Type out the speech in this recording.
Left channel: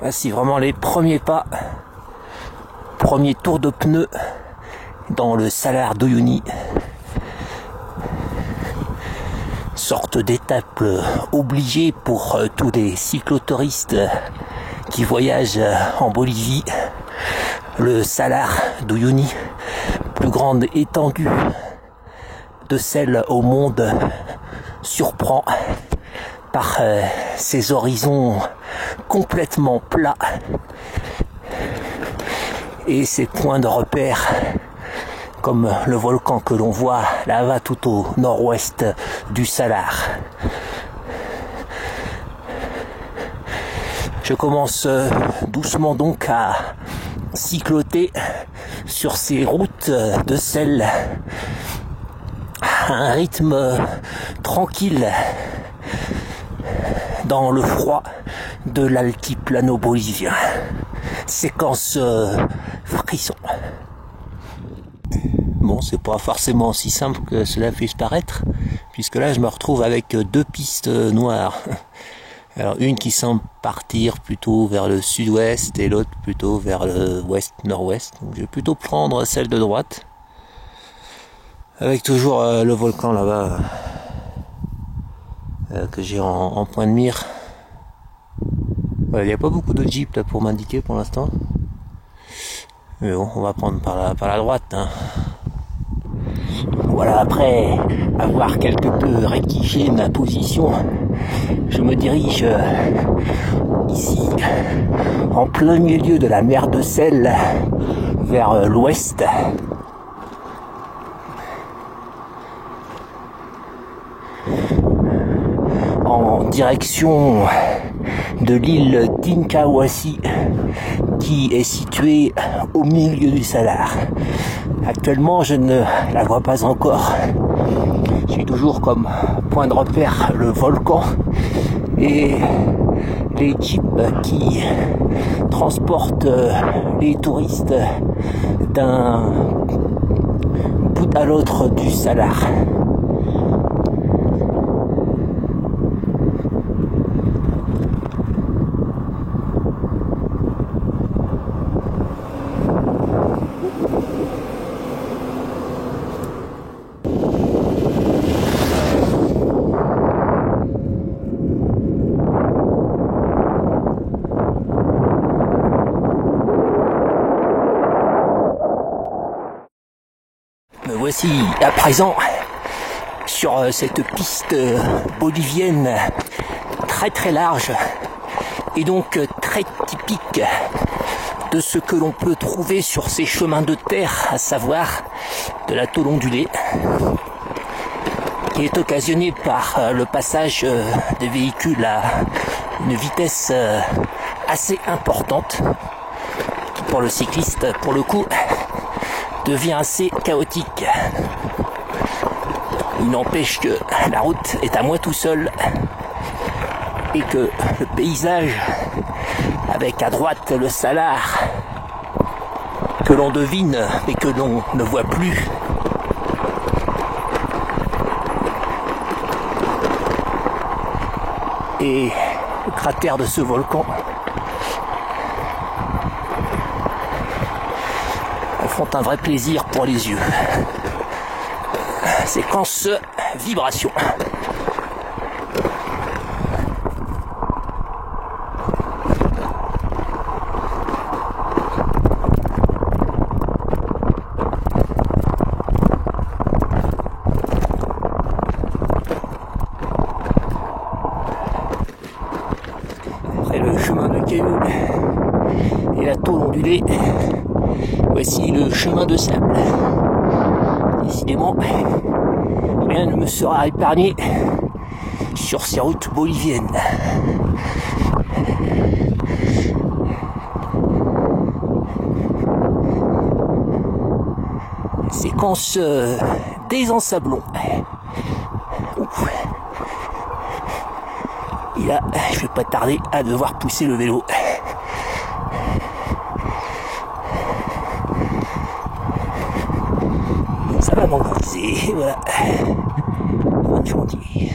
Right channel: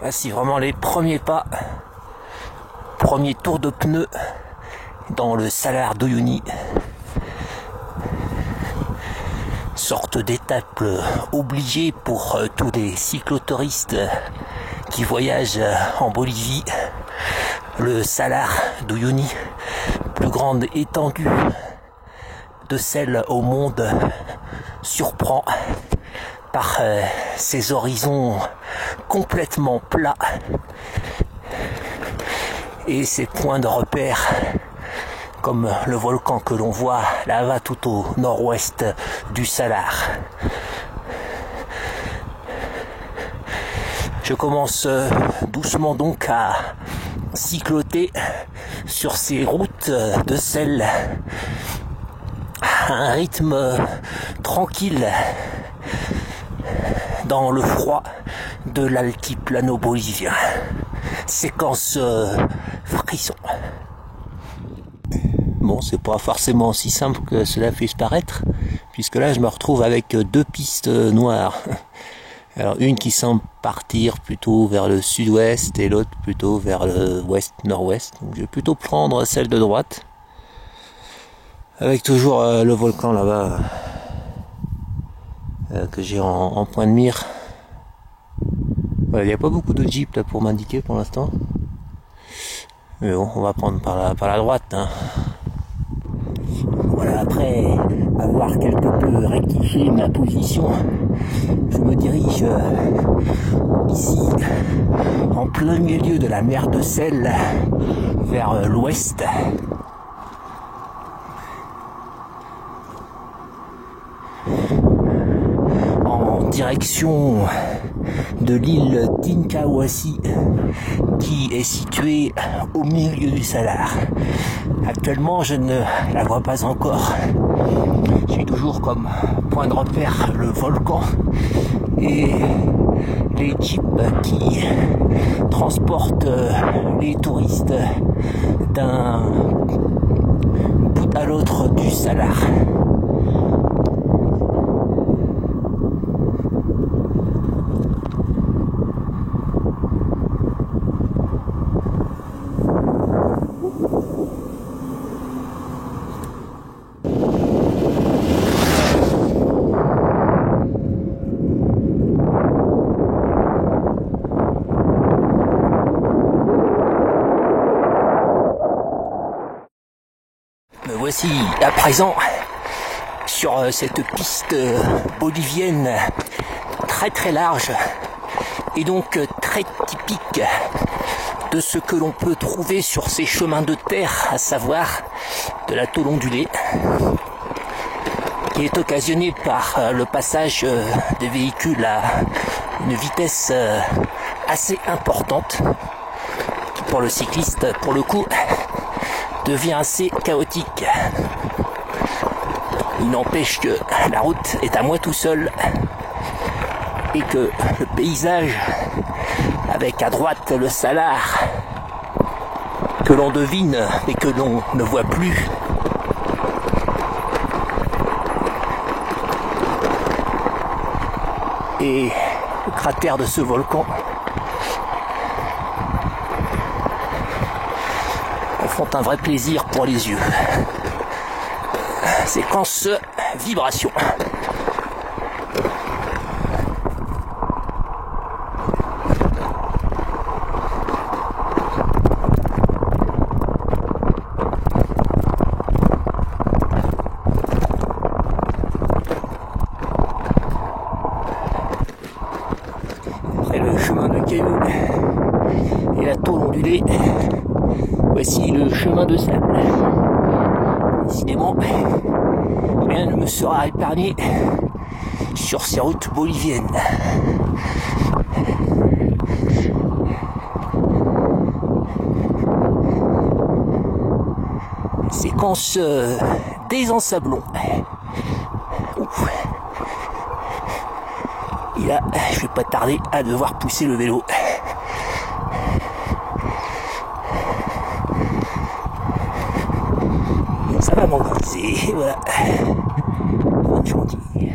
Voici vraiment les premiers pas, premier tour de pneu dans le Salar d'Uyuni. Sorte d'étape obligée pour tous les cyclotouristes qui voyagent en Bolivie. Le Salar d'Uyuni, plus grande étendue de celle au monde, surprend par ses horizons complètement plats et ses points de repère comme le volcan que l'on voit là-bas tout au nord-ouest du Salar. Je commence doucement donc à cycloter sur ces routes de sel à un rythme tranquille dans le froid de l'altiplano bolivien. Séquence frisson. Bon, c'est pas forcément aussi simple que cela puisse paraître, puisque là je me retrouve avec deux pistes noires. Alors une qui semble partir plutôt vers le sud-ouest et l'autre plutôt vers le ouest-nord-ouest. Donc je vais plutôt prendre celle de droite, avec toujours le volcan là-bas que j'ai en point de mire. Voilà, il n'y a pas beaucoup de jeeps là pour m'indiquer pour l'instant. Mais bon, on va prendre par la droite. Hein. Voilà, après avoir quelque peu rectifié ma position, je me dirige ici, en plein milieu de la mer de sel, vers l'ouest. En direction de l'île d'Inkawasi, qui est située au milieu du Salar. Actuellement, je ne la vois pas encore. J'ai toujours comme point de repère le volcan et les jeeps qui transportent les touristes d'un bout à l'autre du Salar. Me voici à présent sur cette piste bolivienne très large et donc très typique de ce que l'on peut trouver sur ces chemins de terre, à savoir de la tôle ondulée, qui est occasionnée par le passage des véhicules à une vitesse assez importante, qui pour le cycliste, pour le coup, devient assez chaotique. Il n'empêche que la route est à moi tout seul et que le paysage, avec à droite le Salar que l'on devine et que l'on ne voit plus, et le cratère de ce volcan font un vrai plaisir pour les yeux. Séquence vibration. Après le chemin de cailloux et la tôle ondulée, voici le chemin de sable. Décidément, rien ne me sera épargné sur ces routes boliviennes. Séquence désensablon. Ouf. Et là, je vais pas tarder à devoir pousser le vélo. Ça va m'engraisser, voilà. Fin de chantier.